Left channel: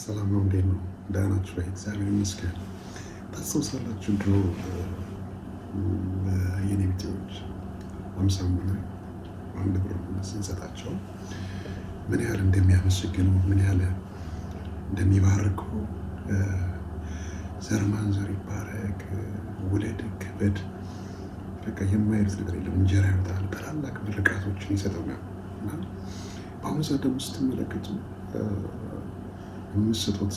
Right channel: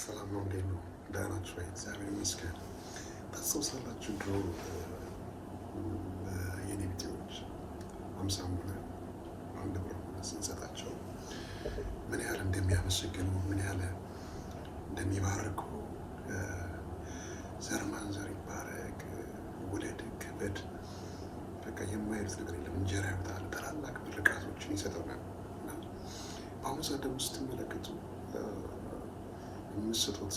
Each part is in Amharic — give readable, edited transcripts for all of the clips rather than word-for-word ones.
ሰላም ነው። እንዴት ነው? ደህና ናችሁ ወይ? እግዚአብሔር ይመስገን። ታስታውሳላችሁ ድሮ የኔ ቢጤዎች 50 ሆነ 1 ብር ስንሰጣቸው ምን ያህል እንደሚያመሰግኑ ምን ያህል እንደሚባርኩ ዘር ማንዘር ይባረክ፣ ውለድ፣ ክበድ፣ በቃ የማይሉት ነገር የለም። እንጀራ ያመጣል፣ ታላላቅ ምርቃቶችን ይሰጠናል። እና በአሁኑ ሰዓት ደግሞ ስትመለከቱ የምትሰጡት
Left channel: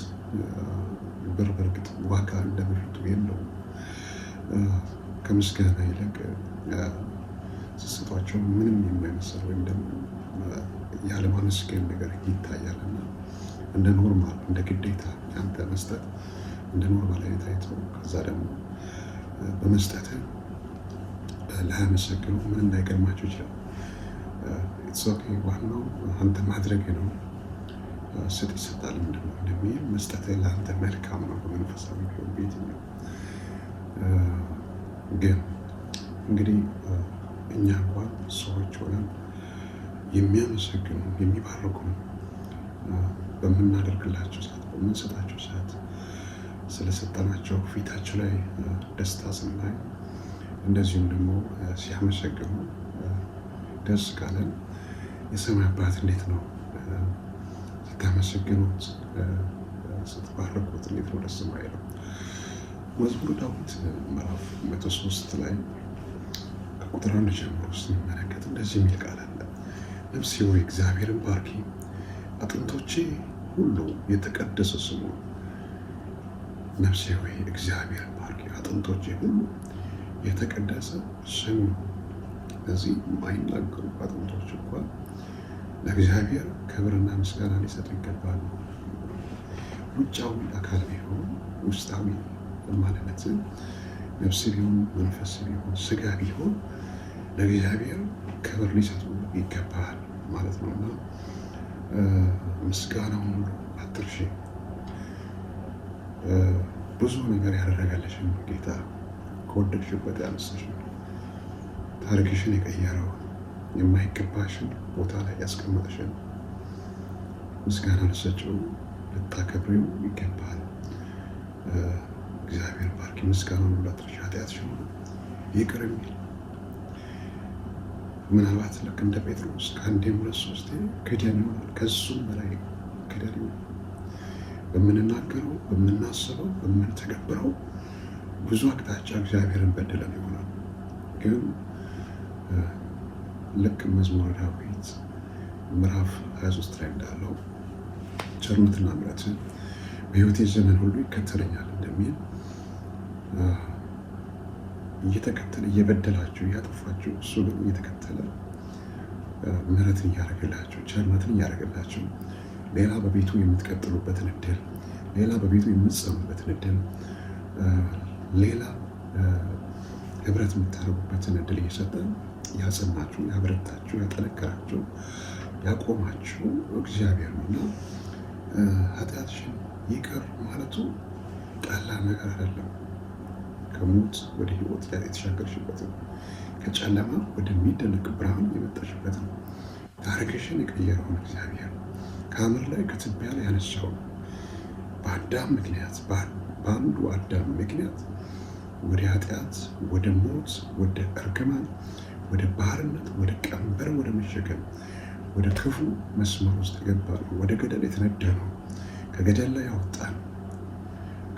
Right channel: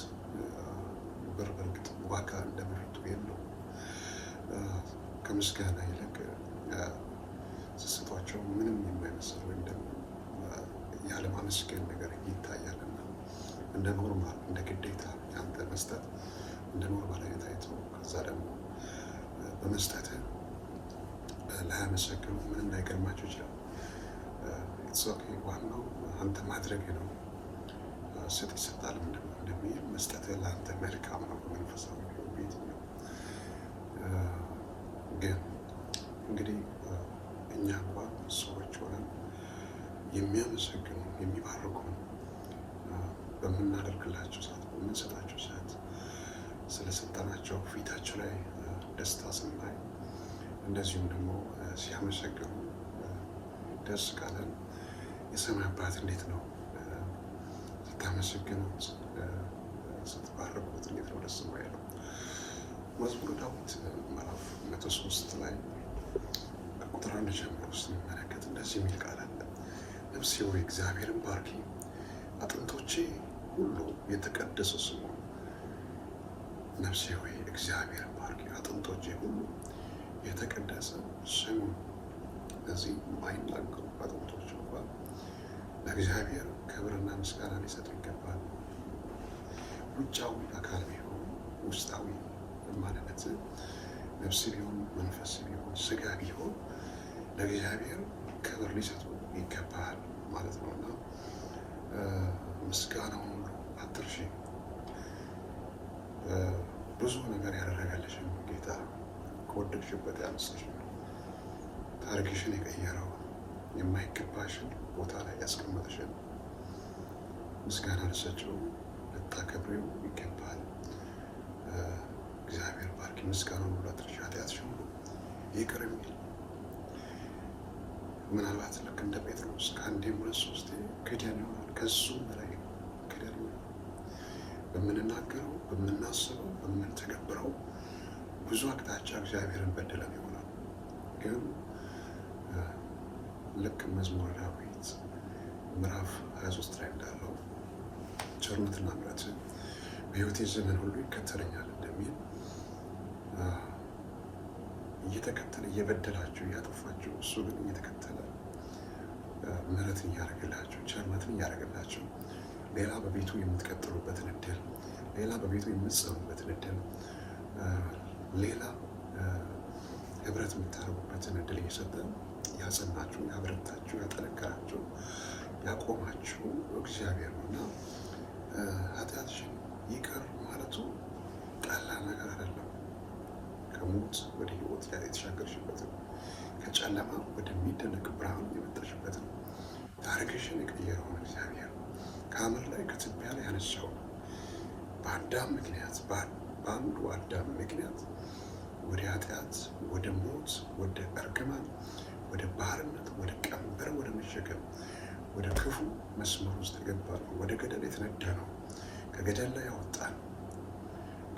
ብር በእርግጥ ዋጋ እንደበፊቱ የለውም። ከምስጋና ይልቅ ስትሰጧቸው ምንም የማይመስል ወይም ደግሞ ያለማመስገን ነገር ይታያልና እንደ ኖርማል እንደ ግዴታ ያንተ መስጠት እንደ ኖርማል ላይ ታይቶ ከዛ ደግሞ በመስጠት ላያመሰግኑ ምንም ላይገርማቸው ይችላል። ኢትስ ኦኬ፣ ዋናው አንተ ማድረግ ነው። ስጥ ይሰጣል ምንድን ነው እንደሚል መስጠት ለአንተ መልካም ነው። በመንፈሳዊ ቢሆን ቤትኛው ግን እንግዲህ እኛ እንኳን ሰዎች ሆነን የሚያመሰግኑ የሚባርኩ በምናደርግላቸው ሰዓት በምንሰጣቸው ሰዓት ስለሰጠናቸው ፊታቸው ላይ ደስታ ስናይ እንደዚሁም ደግሞ ሲያመሰግኑ ደስ ካለን የሰማይ አባት እንዴት ነው ስታመሰግኑት ስትባርኩት እንዴት ነው ደስ የማይለው? መዝሙረ ዳዊት ምዕራፍ 103 ላይ ከቁጥር 1 ጀምሮ ስንመለከት እንደዚህ የሚል ቃል አለ። ነፍሴ ሆይ እግዚአብሔርን ባርኪ፣ አጥንቶቼ ሁሉ የተቀደሰ ስሙን። ነፍሴ ሆይ እግዚአብሔርን ባርኪ፣ አጥንቶቼ ሁሉ የተቀደሰ ስሙን። እዚህ የማይናገሩ አጥንቶች እንኳን ለእግዚአብሔር ክብርና ምስጋና ሊሰጡ ይገባል። ውጫዊ አካል ቢሆን ውስጣዊ ማንነት ነፍስ ቢሆን መንፈስ ቢሆን ስጋ ቢሆን ለእግዚአብሔር ክብር ሊሰጡ ይገባል ማለት ነው። እና ምስጋናውን ሁሉ አትርሺ። ብዙ ነገር ያደረገልሽን ጌታ ከወደቅሽበት ያነሳሽ፣ ታሪክሽን የቀየረው የማይገባሽን ቦታ ላይ ያስቀመጠሽን ምስጋና ልትሰጪው ልታከብሪው ይገባል። እግዚአብሔር ባርኪ፣ ምስጋናውን ሁሉ አትርሺ፣ ኃጢአትሽን ሁሉ ይቅር የሚል ምናልባት ልክ እንደ ጴጥሮስ ከአንዴም 2-3 ክደን ይሆናል፣ ከሱም በላይ ክደን ይሆናል። በምንናገረው በምናስበው በምንተገብረው ብዙ አቅጣጫ እግዚአብሔርን በድለን ይሆናል። ግን ልክ መዝሙረ ዳዊት ምዕራፍ 23 ላይ እንዳለው ቸርነትና ምሕረት በሕይወቴ ዘመን ሁሉ ይከተለኛል እንደሚል እየተከተለ እየበደላችሁ እያጠፋችሁ እሱ ግን እየተከተለ ምሕረትን እያደረገላችሁ ቸርነትን እያደረገላችሁ ሌላ በቤቱ የምትቀጥሉበትን እድል፣ ሌላ በቤቱ የምትጸኑበትን እድል፣ ሌላ ህብረት የምታደርጉበትን እድል እየሰጠን ያጸናችሁ፣ ያበረታችሁ፣ ያጠነከራችሁ፣ ያቆማችሁ እግዚአብሔር ነው እና ኃጢአትሽን ይቅር ማለቱ ቀላል ነገር አይደለም። ከሞት ወደ ህይወት ላይ የተሻገርሽበትን ከጨለማ ወደሚደነቅ ብርሃን የመጣሽበትን ታሪክሽን የቀየረውን እግዚአብሔር ከአመድ ላይ ከትቢያ ላይ ያነሳውን በአዳም ምክንያት በአንዱ አዳም ምክንያት ወደ ኃጢአት፣ ወደ ሞት፣ ወደ እርግማን፣ ወደ ባርነት፣ ወደ ቀንበር፣ ወደ መሸከም፣ ወደ ክፉ መስመር ውስጥ የገባ ነው። ወደ ገደል የተነዳ ነው። ከገደል ላይ ያወጣን፣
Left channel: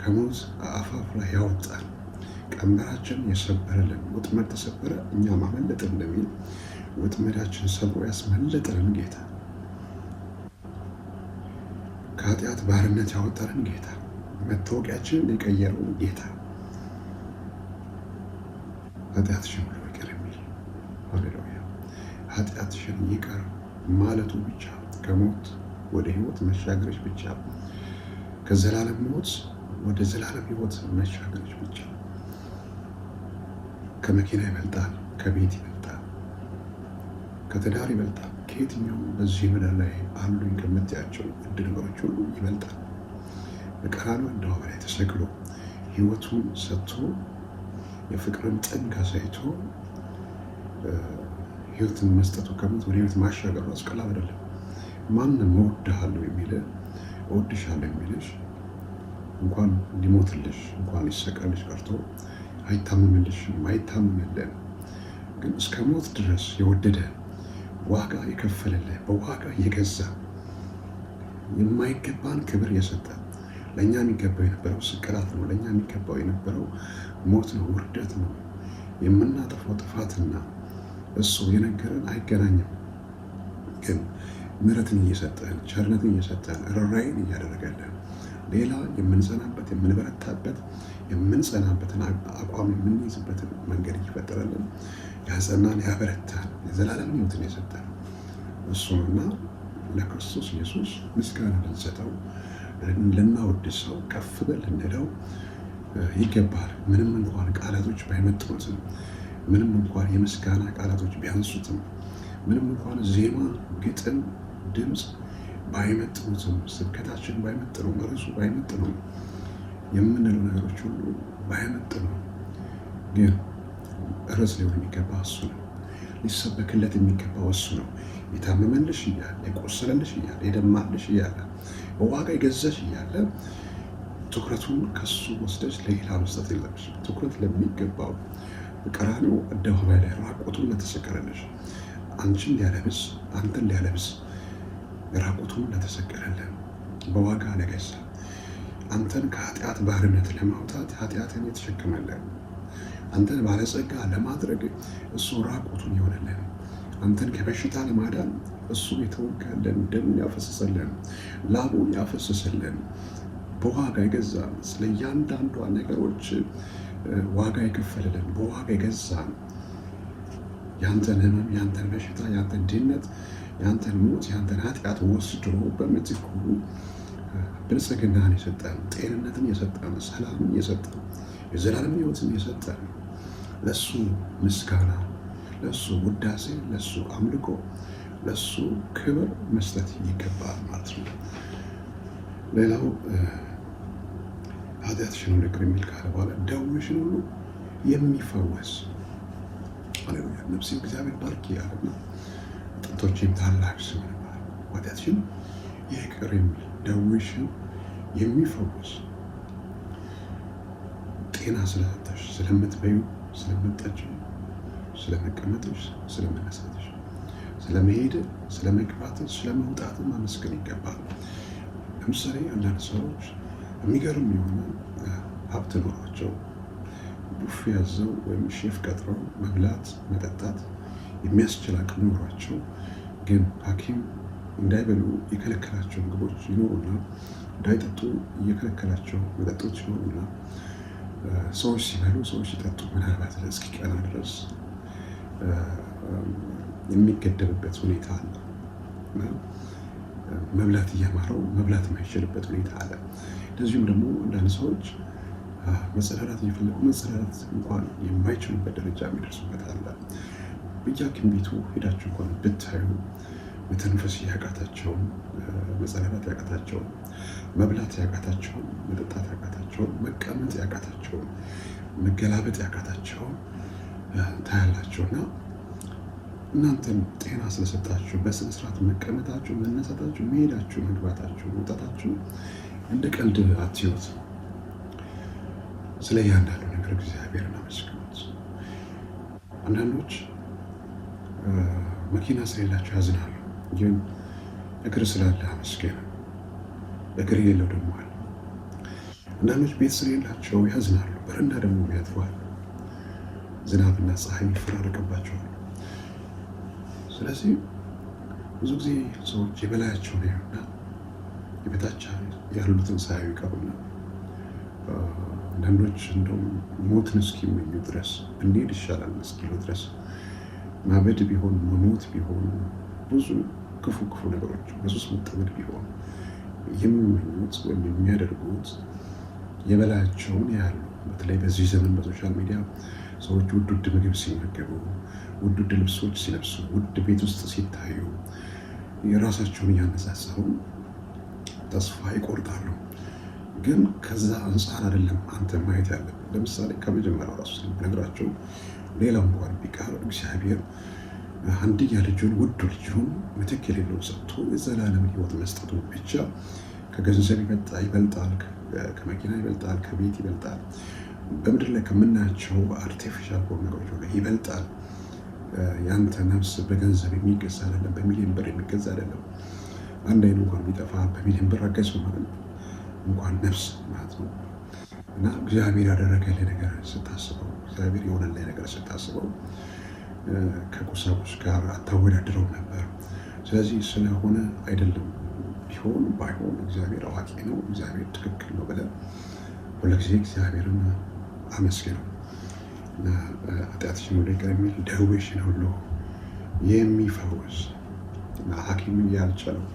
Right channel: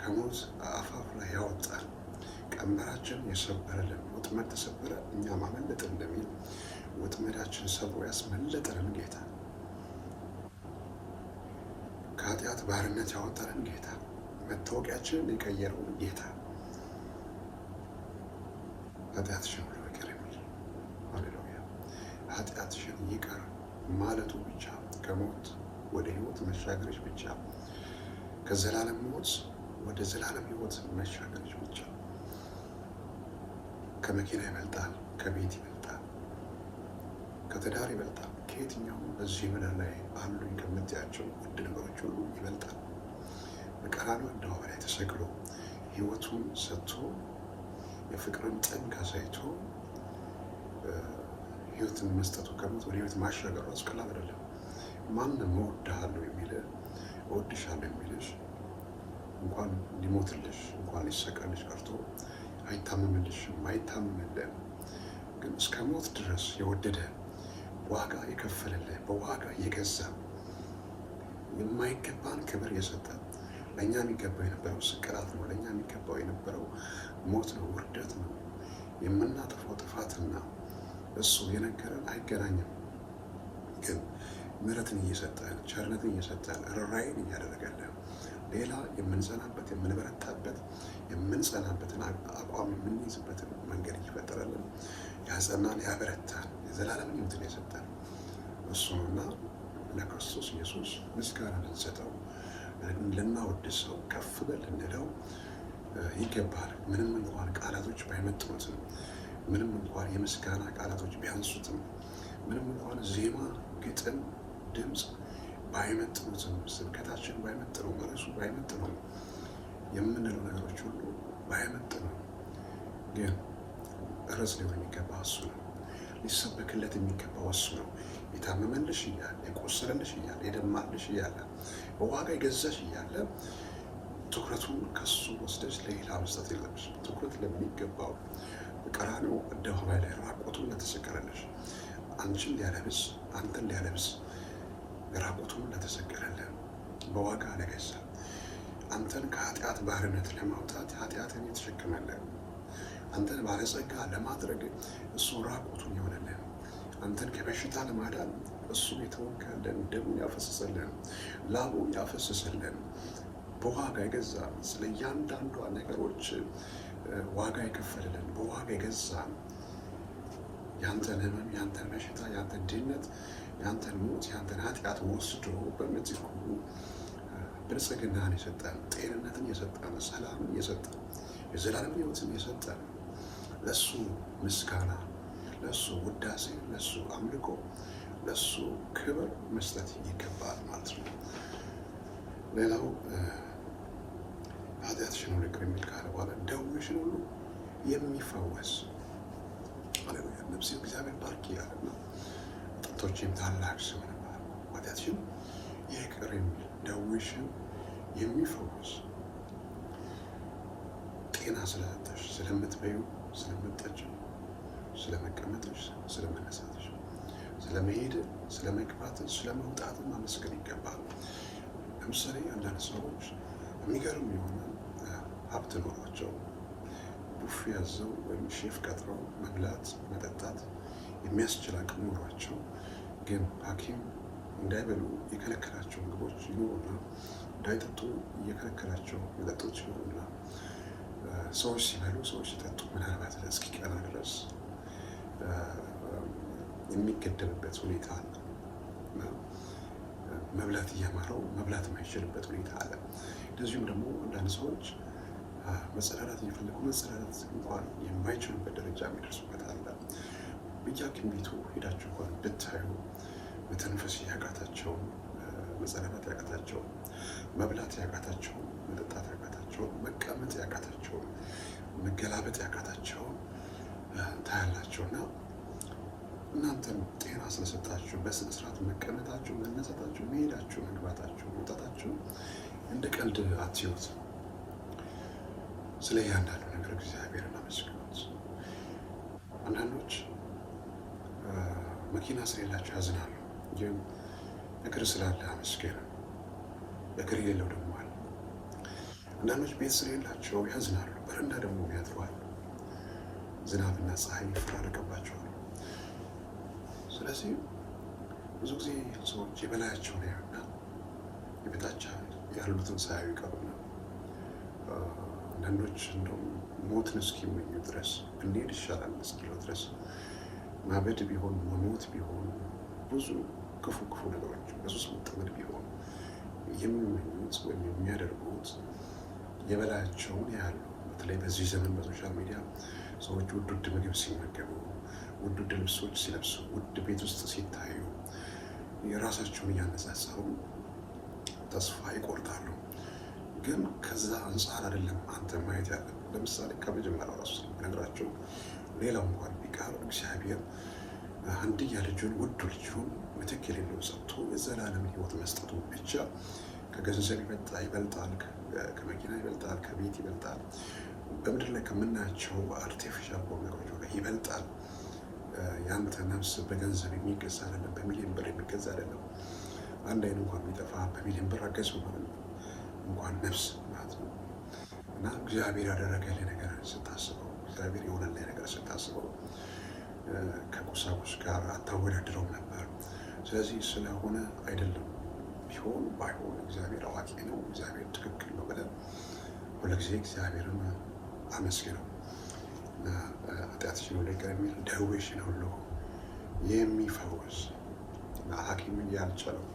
ከሞት አፋፍ ላይ ያወጣን፣ ቀንበራችን የሰበረልን፣ ወጥመድ ተሰበረ እኛም አመለጥን እንደሚል ወጥመዳችን ሰብሮ ያስመለጠንን ጌታ፣ ከኃጢአት ባርነት ያወጣንን ጌታ፣ መታወቂያችንን የቀየረውን ጌታ ኃጢአትሽን ሁሉ ይቅር የሚል ሃሌሉያ። ኃጢአትሽን ይቅር ማለቱ ብቻ ከሞት ወደ ህይወት መሻገርሽ ብቻ፣ ከዘላለም ሞት ወደ ዘላለም ህይወት መሻገርሽ ብቻ ከመኪና ይበልጣል፣ ከቤት ይበልጣል፣ ከትዳር ይበልጣል፣ ከየትኛው በዚህ ምድር ላይ አሉኝ ከምትያቸው ውድ ነገሮች ሁሉ ይበልጣል። በቀራንዮ አደባባይ ላይ ተሰቅሎ ህይወቱን ሰጥቶ የፍቅርን ጥግ አሳይቶ ህይወትን መስጠቱ ከሞት ወደ ህይወት ማሻገሩ አስቀላል አይደለም። ማንም እወድሃለሁ የሚል እወድሻለሁ የሚልሽ እንኳን ሊሞትልሽ እንኳን ሊሰቀልሽ ቀርቶ አይታመንልሽም፣ አይታመንልን። ግን እስከ ሞት ድረስ የወደደ ዋጋ የከፈለልን በዋጋ የገዛ የማይገባን ክብር የሰጠ ለእኛ የሚገባው የነበረው ስቅላት ነው። ለእኛ የሚገባው የነበረው ሞት ነው፣ ውርደት ነው። የምናጠፋው ጥፋትና እሱ የነገረን አይገናኝም። ግን ምሕረትን እየሰጠን ቸርነትን እየሰጠን ርኅራኄን እያደረገልን ሌላ የምንጸናበት የምንበረታበት የምንጸናበትን አቋም የምንይዝበትን መንገድ እየፈጠረልን ያጸናን ያበረታን የዘላለም ሕይወትን የሰጠን እሱ ነውና ለክርስቶስ ኢየሱስ ምስጋና ልንሰጠው ልናወድሰው ከፍ በል ልንለው ይገባል። ምንም እንኳን ቃላቶች ባይመጥኑትም፣ ምንም እንኳን የምስጋና ቃላቶች ቢያንሱትም፣ ምንም እንኳን ዜማ፣ ግጥም፣ ድምፅ ባይመጥኑትም፣ ስብከታችን ባይመጥነውም፣ ርዕሱ ባይመጥነውም፣ የምንለው ነገሮች ሁሉ ባይመጥነው፣ ግን ርዕስ ሊሆን የሚገባ እሱ ነው። ሊሰበክለት የሚገባው እሱ ነው። የታመመልሽ እያለ የቆሰለልሽ እያለ የደማልሽ እያለ በዋጋ የገዛሽ እያለ ትኩረቱን ከሱ ወስደሽ ለሌላ መስጠት የለብሽ። ትኩረት ለሚገባው ቀራንዮ አደባባይ ላይ ራቁቱን ለተሰቀለልሽ አንቺን ሊያለብስ አንተን ሊያለብስ ራቁቱን ለተሰቀለልን በዋጋ ለገዛ አንተን ከኃጢአት ባርነት ለማውጣት ኃጢአትን የተሸከመልን አንተን ባለጸጋ ለማድረግ እሱ ራቁቱን የሆነልን አንተን ከበሽታ ለማዳን እሱ የተወጋለን ደሙን ያፈሰሰልን ላቡን ያፈሰሰልን በዋጋ የገዛ ስለ እያንዳንዷ ነገሮች ዋጋ የከፈለልን በዋጋ የገዛን ያንተን ሕመም ያንተን በሽታ ያንተን ድህነት ያንተን ሞት ያንተን ኃጢአት ወስዶ በምትኩ ብልጽግናን የሰጠን ጤንነትን የሰጠን ሰላምን የሰጠን የዘላለም ሕይወትን የሰጠን ለሱ ምስጋና ለሱ ውዳሴ ለሱ አምልኮ ለሱ ክብር መስጠት ይገባል ማለት ነው። ሌላው ኃጢአትሽን ሁሉ ይቅር የሚል ካለ በኋላ ደዌሽን ሁሉ የሚፈወስ ሃሌሉያ። ነፍሴ እግዚአብሔር ባርኪ ያለ ነው። ጡቶቼም ታላቅ ስም ነበር። ኃጢአትሽን ይቅር የሚል ደዌሽን የሚፈወስ ጤና ስለሰጠሽ ስለምትበዩ ስለምትጠጪው ስለመቀመጥሽ ስለመነሳትሽ ስለመሄድ ስለመግባትሽ ስለመውጣት ማመስገን ይገባል። ለምሳሌ አንዳንድ ሰዎች የሚገርም የሆነ ሀብት ኖሯቸው ቡፌ ያዘው ወይም ሼፍ ቀጥረው መብላት መጠጣት የሚያስችል አቅም ኖሯቸው ግን ሐኪም እንዳይበሉ የከለከላቸው ምግቦች ይኖሩና እንዳይጠጡ የከለከላቸው መጠጦች ይኖሩና ሰዎች ሲበሉ ሰዎች ሲጠጡ ምናልባት እስኪቀና ድረስ የሚገደብበት ሁኔታ አለ። መብላት እያማረው መብላት የማይችልበት ሁኔታ አለ። እንደዚሁም ደግሞ አንዳንድ ሰዎች መጸዳዳት እየፈለጉ መጸዳዳት እንኳን የማይችሉበት ደረጃ የሚደርሱበት አለ። በየሐኪም ቤቱ ሄዳችሁ እንኳን ብታዩ መተንፈስ ያቃታቸውን፣ መጸዳዳት ያቃታቸውን፣ መብላት ያቃታቸውን፣ መጠጣት ያቃታቸውን፣ መቀመጥ ያቃታቸውን፣ መገላበጥ ያቃታቸውን ታያላቸውና እናንተም ጤና ስለሰጣችሁ በስነ ስርዓት መቀመጣችሁ፣ መነሳታችሁ፣ መሄዳችሁ፣ መግባታችሁ፣ መውጣታችሁ እንደ ቀልድ አትዩት። ስለ እያንዳንዱ ነገር እግዚአብሔርን አመስግኑት። አንዳንዶች መኪና ስለሌላቸው ያዝናሉ፣ ግን እግር ስላለ አመስገን። እግር የሌለው ደግሞ አለ። አንዳንዶች ቤት ስለሌላቸው ያዝናሉ፣ በረንዳ ደግሞ ያድሯል። ዝናብና ፀሐይ ይፈራረቅባቸዋል። ስለዚህ ብዙ ጊዜ ሰዎች የበላያቸውን ያዩና የበታች ያሉትን ሳያዩ ይቀሩና አንዳንዶች እንደውም ሞትን እስኪመኙ ድረስ እንሄድ ይሻላል እስኪሉ ድረስ ማበድ ቢሆን መሞት ቢሆን ብዙ ክፉ ነገሮች በሱስ መጠመድ ቢሆን የሚመኙት ወይም የሚያደርጉት የበላያቸውን ያሉ። በተለይ በዚህ ዘመን በሶሻል ሚዲያ ሰዎች ውድ ምግብ ሲመገቡ፣ ውድ ልብሶች ሲለብሱ፣ ውድ ቤት ውስጥ ሲታዩ የራሳቸውን እያነጻጸሩ ተስፋ ይቆርጣሉ። ግን ከዛ አንጻር አይደለም አንተ ማየት ያለብን። ለምሳሌ ከመጀመሪያው ራሱ ነግራቸው ሌላው እንኳን ቢቀር እግዚአብሔር አንድያ ልጁን ውድ ልጁን ምትክ የሌለው ሰጥቶ የዘላለም ሕይወት መስጠቱ ብቻ ከገንዘብ ይበልጣል፣ ከመኪና ይበልጣል፣ ከቤት ይበልጣል፣ በምድር ላይ ከምናያቸው አርቲፊሻል በሆኑ ነገሮች ሁሉ ይበልጣል። ያንተ ነፍስ በገንዘብ የሚገዛ አይደለም፣ በሚሊዮን ብር የሚገዛ አይደለም። አንድ አይን እንኳን ቢጠፋ በሚሊዮን ብር አገዘው ማለት ነው፣ እንኳን ነፍስ ማለት ነው። እና እግዚአብሔር ያደረገልህ ነገር ስታስበው፣ እግዚአብሔር የሆነልህ ነገር ስታስበው ከቁሳቁስ ጋር አታወዳድረው ነበር። ስለዚህ ስለሆነ አይደለም፣ ቢሆን ባይሆን እግዚአብሔር አዋቂ ነው፣ እግዚአብሔር ትክክል ነው ብለን ሁልጊዜ እግዚአብሔርን አመስግነው እና ኃጢአትሽን ሁሉ ይቅር የሚል ደዌሽን ሁሉ የሚፈውስ እና ሐኪምን ያልቻለው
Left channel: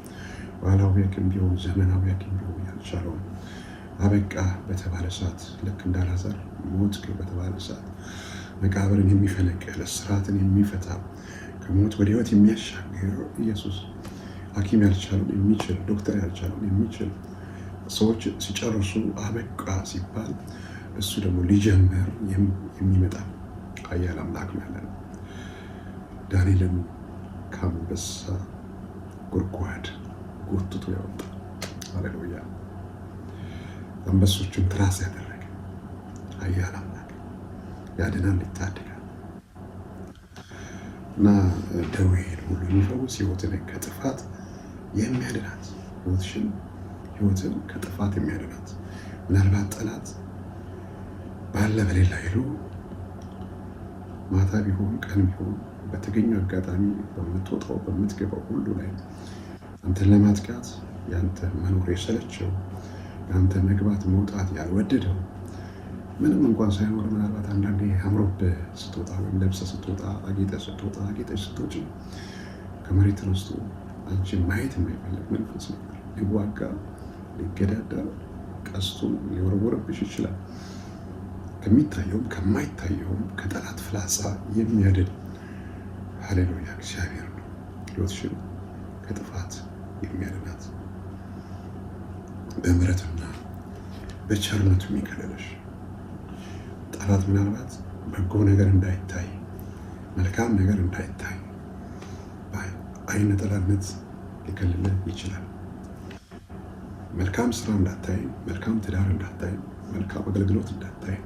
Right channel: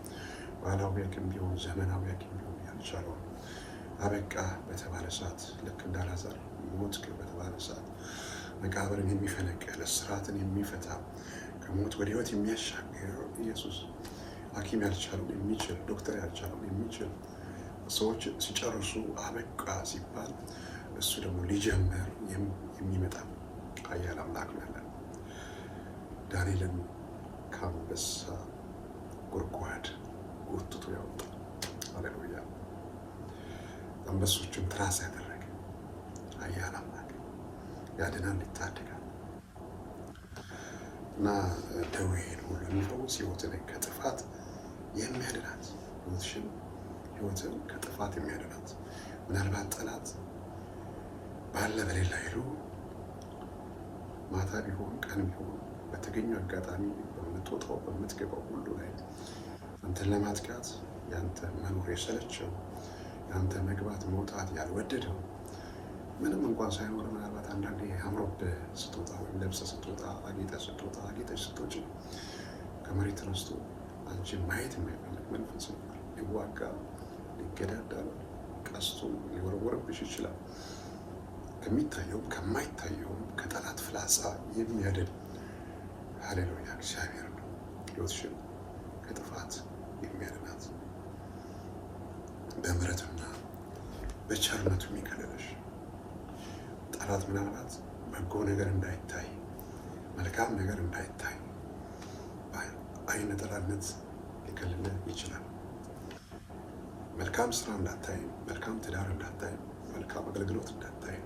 ባህላዊ ሐኪም ቢሆን ዘመናዊ ሐኪም ቢሆን ያልቻለውን አበቃ በተባለ ሰዓት ልክ እንደ አልዓዛር ሞት በተባለ ሰዓት መቃብርን የሚፈነቅል እስራትን የሚፈታ ከሞት ወደ ሕይወት የሚያሻግር ኢየሱስ ሐኪም ያልቻለውን የሚችል ዶክተር ያልቻለውን የሚችል ሰዎች ሲጨርሱ አበቃ ሲባል እሱ ደግሞ ሊጀምር የሚመጣ ኃያል አምላክ ነው ያለን። ዳንኤልን ከአንበሳ ጉድጓድ ጎትቶ ያወጣ ሃሌሉያ፣ አንበሶቹን ትራስ ያደረገ ኃያል አምላክ ያድናል፣ ይታደጋል እና ደዌን ሁሉ የሚፈውስ ሕይወትን ከጥፋት የሚያድናት ሕይወትን ከጥፋት የሚያድናት ምናልባት ጠላት ባለ በሌላ ሄዶ ማታ ቢሆን ቀን ቢሆን በተገኘው አጋጣሚ በምትወጣው በምትገባው ሁሉ ላይ አንተን ለማጥቃት ያንተ መኖር የሰለቸው ያንተ መግባት መውጣት ያልወደደው ምንም እንኳን ሳይኖር ምናልባት አንዳንዴ አምሮብህ ስትወጣ ወይም ለብሰህ ስትወጣ አጌጠህ ስትወጣ አጌጠሽ ስትወጪ ከመሬት ተነስቶ አንቺን ማየት የማይፈልግ መንፈስ ነበር። ሊዋጋ ሊገዳደር ቀስቱን ሊወረወርብሽ ይችላል። ከሚታየውም ከማይታየውም ከጠላት ፍላጻ የሚያድን ሃሌሉያ እግዚአብሔር ነው። ሕይወትሽን ከጥፋት የሚያድናት በምሕረትና በቸርነቱ የሚከለለሽ ጠላት ምናልባት በጎ ነገር እንዳይታይ መልካም ነገር እንዳይታይ አይነ ጠላትነት ሊከልልህ ይችላል። መልካም ስራ እንዳታይ፣ መልካም ትዳር እንዳታይ፣ መልካም አገልግሎት እንዳታይ፣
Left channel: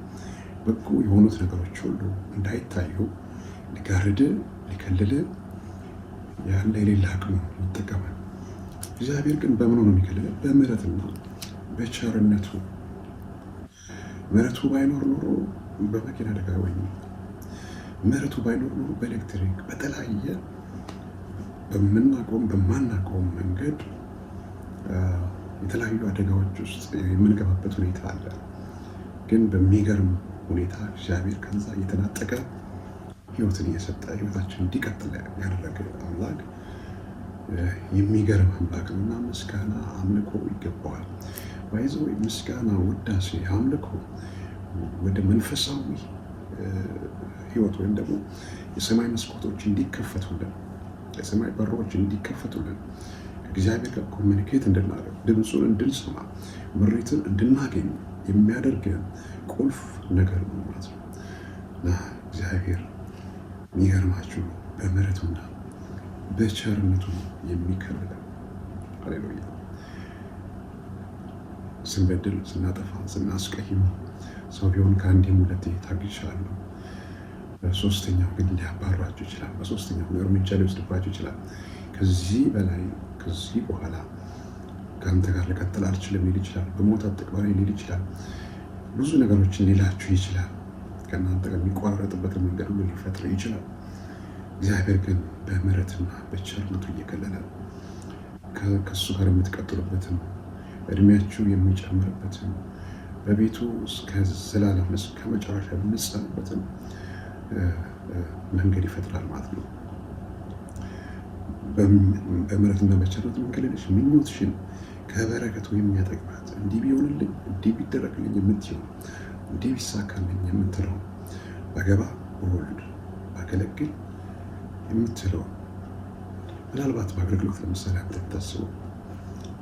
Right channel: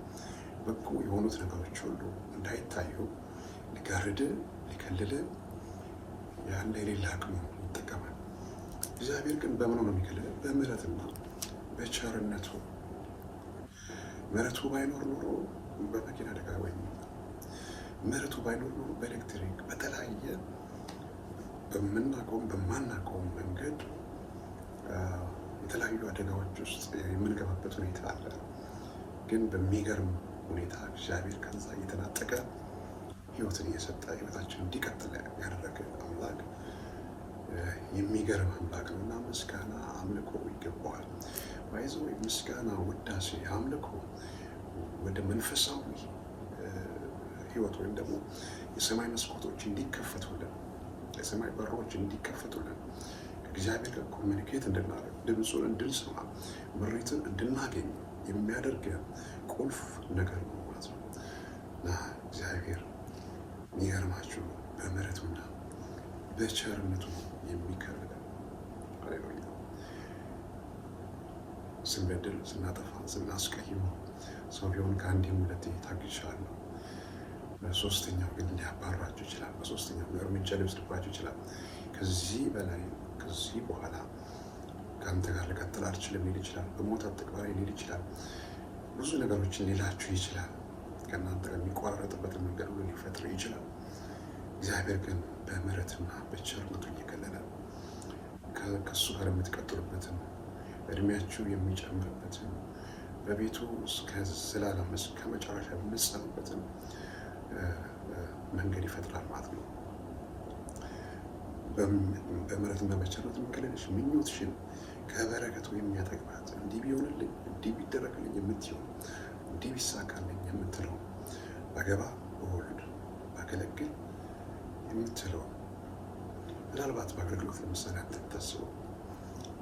በጎ የሆኑት ነገሮች ሁሉ እንዳይታዩ ሊጋርድ ሊከልል ያለ የሌለ አቅሙ ይጠቀማል። እግዚአብሔር ግን በምኑ ነው የሚከልል? በምሕረትና በቸርነቱ። ምሕረቱ ባይኖር ኖሮ በመኪና አደጋ ወይም ምሕረቱ ባይኖር ኖሮ በኤሌክትሪክ በተለያየ በምናውቀውም በማናውቀውም መንገድ የተለያዩ አደጋዎች ውስጥ የምንገባበት ሁኔታ አለ። ግን በሚገርም ሁኔታ እግዚአብሔር ከዛ እየተናጠቀ ሕይወትን እየሰጠ ሕይወታችን እንዲቀጥል ያደረገ አምላክ የሚገርም አምላክ ነው እና ምስጋና አምልኮ ይገባዋል። ባይዘው ምስጋና፣ ውዳሴ፣ አምልኮ ወደ መንፈሳዊ ሕይወት ወይም ደግሞ የሰማይ መስኮቶች እንዲከፈቱልን፣ የሰማይ በሮች እንዲከፈቱልን፣ ከእግዚአብሔር ጋር ኮሚኒኬት እንድናደርግ፣ ድምፁን እንድንሰማ፣ ምሪትን እንድናገኝ የሚያደርገን ቁልፍ ነገር ነው ማለት ነው እና እግዚአብሔር የሚገርማችሁ በምሕረቱና በቸርነቱ የሚከብለን ሃሌሉያ። ስንበድል፣ ስናጠፋ፣ ስናስቀይም ሰው ቢሆን ከአንዴም ሁለቴ ታግሻለሁ። በሶስተኛው ግን ሊያባራችሁ ይችላል። በሶስተኛው እርምጃ ሊወስድባችሁ ይችላል። ከዚህ በላይ ከዚህ በኋላ ከአንተ ጋር ልቀጥል አልችልም ሊል ይችላል። በሞት አትቅበረኝ ሊል ይችላል። ብዙ ነገሮችን ሊላችሁ ይችላል። ከእናንተ ጋር የሚቋረጥበትን መንገድ ሁሉ ሊፈጥር ይችላል። እግዚአብሔር ግን በምሕረትና በቸርነቱ እየከለለ ከእሱ ጋር የምትቀጥሉበትን እድሜያችሁ የሚጨምርበትን በቤቱ እስከ ዘላለም እስከ መጨረሻ የምትጸኑበትን መንገድ ይፈጥራል ማለት ነው። በምሕረትና በቸርነቱ የሚከለለሽ ምኞትሽን ከበረከቱ የሚያጠግባት እንዲህ ቢሆንልኝ እንዲህ ቢደረግልኝ የምትይው እንዲህ ቢሳካልኝ የምትለው ባገባ በወልድ ባገለግል የምትለው ምናልባት በአገልግሎት ለምሳሌ አንተ ታስበው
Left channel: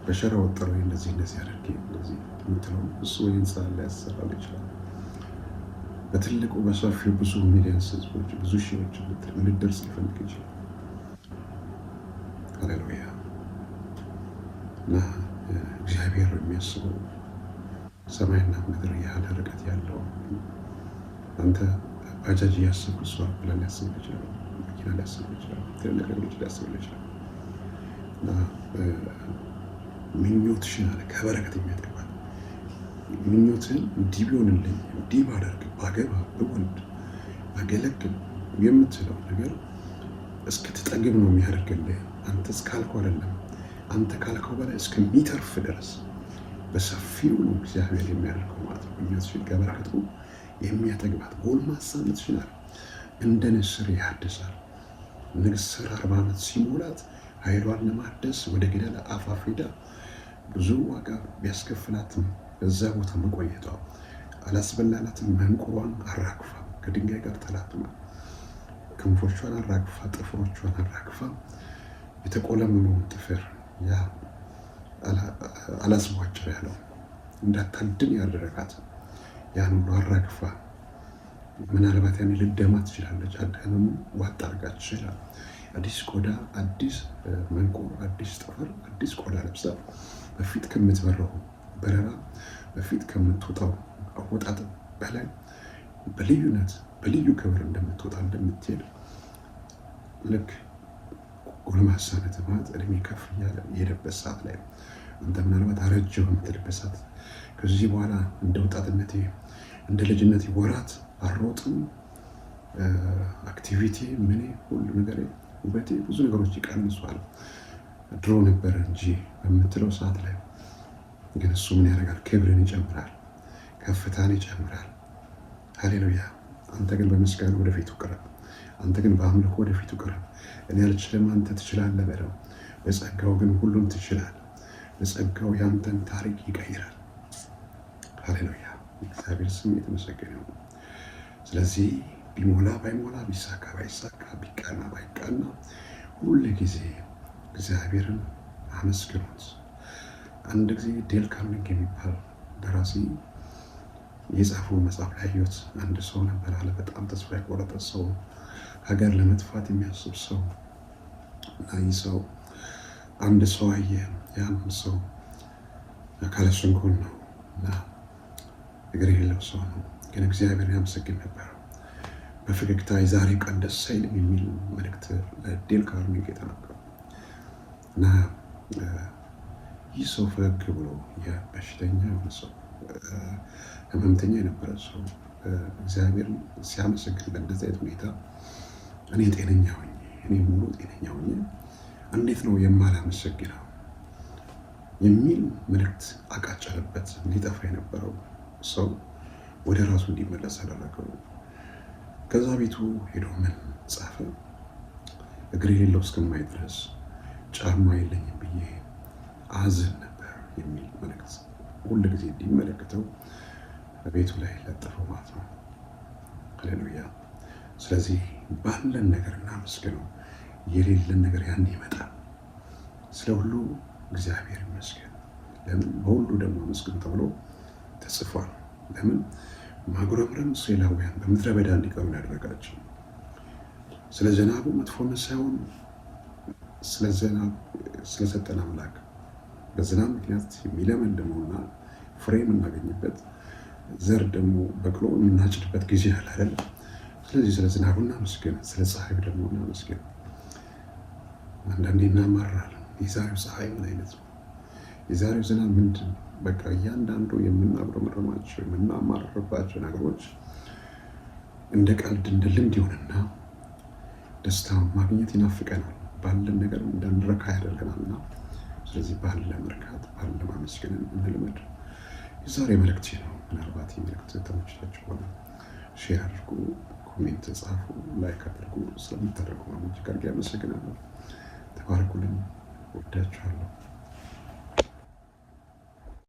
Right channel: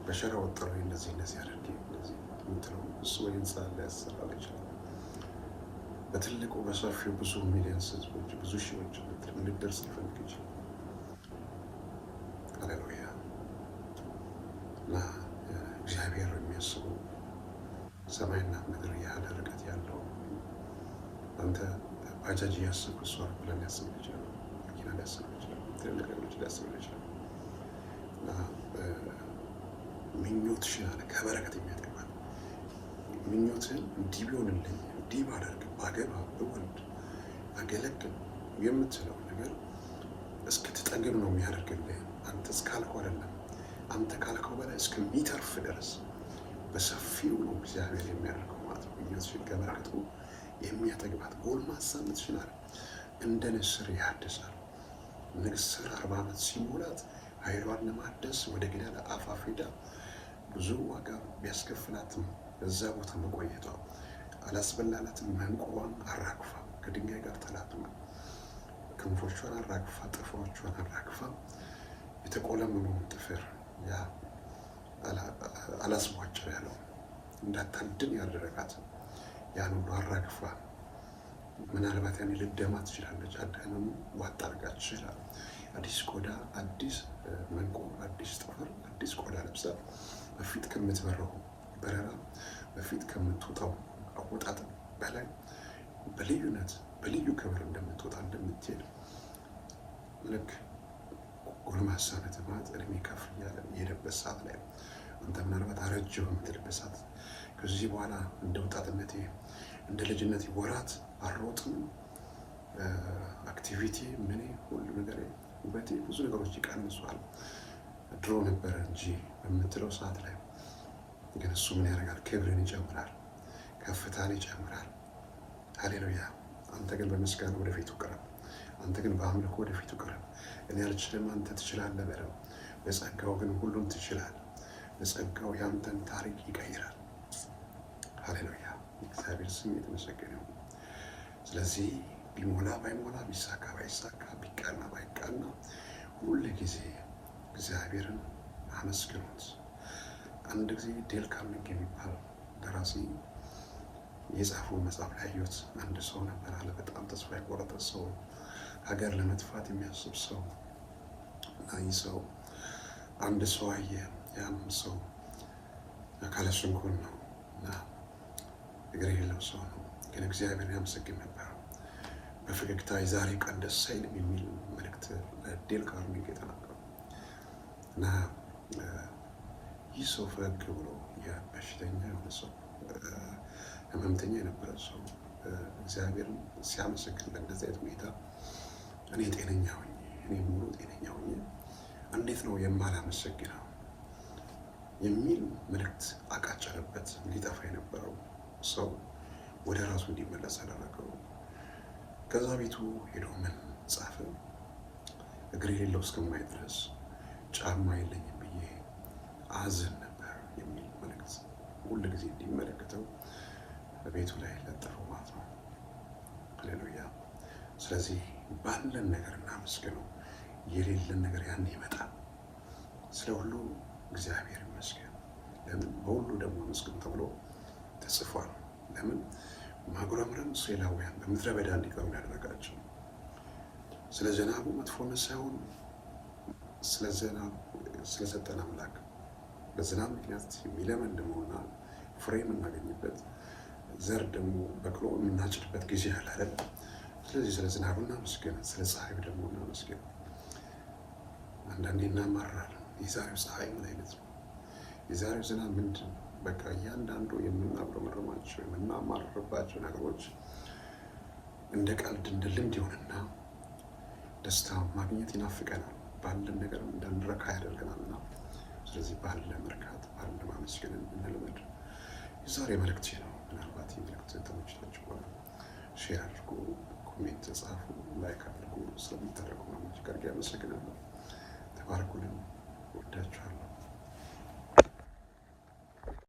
በሸራ ወጠረ እንደዚህ አድርጌ እንደዚህ የምትለው እሱ ወይ ህንፃ ላይ ያሰራል ይችላል። በትልቁ በሰፊው ብዙ ሚሊዮንስ ህዝቦች ብዙ ሺዎች ልደርስ ሊፈልግ ይችላል። ሃሌሉያ እና እግዚአብሔር የሚያስበው ሰማይና ምድር ያህል ርቀት ያለው አንተ ባጃጅ እያሰብክ እሷ ብለን ሊያስብ ይችላል። መኪና ሊያስብ ይችላል። ትልልቅ ነገሮች ሊያስብ ይችላል። እና ምኞትሽን አለ ከበረከት የሚያጠግባል ምኞትን እንዲህ ቢሆንልኝ፣ እንዲህ ባደርግ፣ ባገባ፣ ብወልድ፣ ባገለግል የምትለው ነገር እስክትጠግብ ነው የሚያደርግልህ። አንተ እስካልከው አይደለም፣ አንተ ካልከው በላይ እስከሚተርፍ ድረስ በሰፊው ነው እግዚአብሔር የሚያደርገው ማለት ነው። ምኞትሽን ከበረከቱ የሚያጠግባት ጎልማሳነትሽን አለ እንደ ንስር ያድሳል። ንስር 40 ዓመት ሲሞላት ኃይሏን ለማደስ ወደ ገደል አፋፍ ሄዳ ብዙ ዋጋ ቢያስከፍላትም በዛ ቦታ መቆየቷ አላስበላላትም። መንቁሯን አራግፋ ከድንጋይ ጋር ተላትማ ክንፎቿን አራግፋ ጥፍሮቿን አራግፋ የተቆለመመውን ጥፍር ያ አላስቧጭር ያለው እንዳታድን ያደረጋት ያን ሁሉ አራግፋ ምናልባት ያኔ ልደማ ትችላለች። አዳምም ዋጥ አድርጋ ትችላል። አዲስ ቆዳ፣ አዲስ መንቁር፣ አዲስ ጥፍር፣ አዲስ ቆዳ ለብሳ በፊት ከምትበረው በረራ በፊት ከምትወጣው አወጣጥ በላይ በልዩነት በልዩ ክብር እንደምትወጣ እንደምትሄድ ልክ ጎልማሳነት ማለት እድሜ ከፍ እያለ የሄደበት ሰዓት ላይ አንተ ምናልባት አረጀው የምትልበት ሰዓት ከዚህ በኋላ እንደ ወጣትነቴ እንደ ልጅነቴ ወራት አልሮጥም፣ አክቲቪቲ ምን ሁሉ ነገር ውበቴ ብዙ ነገሮች ይቀንሷል ድሮ ነበረ እንጂ በምትለው ሰዓት ላይ ግን እሱ ምን ያደርጋል? ክብርን ይጨምራል፣ ከፍታን ይጨምራል። ሃሌሉያ። አንተ ግን በምስጋና ወደፊቱ ቅረብ። አንተ ግን በአምልኮ ወደፊቱ ቅረብ። እኔ አልችልም፣ አንተ ትችላለህ በለው። በጸጋው ግን ሁሉን ትችላለህ። በጸጋው ያንተን ታሪክ ይቀይራል። ሃሌሉያ። እግዚአብሔር ስም የተመሰገነ ይሁን። ስለዚህ ቢሞላ ባይሞላ፣ ቢሳካ ባይሳካ፣ ቢቃና ባይቃና ሁሉ ጊዜ እግዚአብሔርን አመስግኑት። አንድ ጊዜ ዴል ካርኔጊ የሚባል ደራሲ የጻፈው መጽሐፍ ላይ ያየሁት አንድ ሰው ነበር አለ። በጣም ተስፋ የቆረጠ ሰው፣ ሀገር ለመጥፋት የሚያስብ ሰው እና ይህ ሰው አንድ ሰው አየ። ያን ሰው አካለ ስንኩል ነው እና እግር የሌለው ሰው ነው፣ ግን እግዚአብሔር ያመሰግን ነበር። በፈገግታ የዛሬው ቀን ደስ አይልም የሚል መልእክት ለዴል ካርኔጊ የተናገረው እና ይህ ሰው ፈገግ ብሎ የበሽተኛ የሆነ ሰው ህመምተኛ የነበረ ሰው እግዚአብሔር ሲያመሰግን በእንደዚህ አይነት ሁኔታ እኔ ጤነኛ ሆኜ እኔ ሙሉ ጤነኛ ሆኜ እንዴት ነው የማላመሰግነው የሚል መልእክት አቃጨለበት። ሊጠፋ የነበረው ሰው ወደ ራሱ እንዲመለስ አደረገው። ከዛ ቤቱ ሄዶ ምን ጻፈ? እግር የሌለው እስከማይ ድረስ ጫማ የለኝም ብዬ አዝን ነበር የሚል መልእክት ሁል ጊዜ እንዲመለከተው ቤቱ ላይ ለጥፈው ማለት ነው። ሃሌሉያ። ስለዚህ ባለን ነገር እናመስግነው። የሌለን ነገር ያን ይመጣል። ስለ ሁሉ እግዚአብሔር ይመስገን። ለምን በሁሉ ደግሞ አመስግኑ ተብሎ ተጽፏል። ለምን ማጉረምረም እስራኤላውያን በምድረ በዳ እንዲቀሩ ያደረጋቸው ስለ ዝናቡ መጥፎነት ሳይሆን ስለ ዝናብ ስለሰጠን አምላክ በዝናብ ምክንያት የሚለመልመውና ፍሬ የምናገኝበት ዘር ደግሞ በቅሎ የምናጭድበት ጊዜ አለ አይደል? ስለዚህ ስለ ዝናቡ እናመስግን፣ ስለ ፀሐዩ ደግሞ እናመስግን። አንዳንዴ እናማራለን። የዛሬው ፀሐይ ምን አይነት ነው? የዛሬው ዝናብ ምንድን ነው? በቃ እያንዳንዱ የምናጉረመረማቸው የምናማርርባቸው ነገሮች እንደ ቀልድ እንደ ልምድ ይሆንና ደስታውን ማግኘት ይናፍቀናል። ባለን ነገር እንዳንረካ ያደርገናልና ስለዚህ ባለ መርካት ባለ ማመስገንን እንልመድ። የዛሬ መልእክቴ ነው። ምናልባት የመልእክት ተመችቷችሁ ሆነ ሼር አድርጉ፣ ኮሜንት ጻፉ፣ ላይክ አድርጉ። ስለምታደርጉ ማሞች ጋር አመሰግናለሁ። ተባረኩልኝ። ወዳችኋለሁ።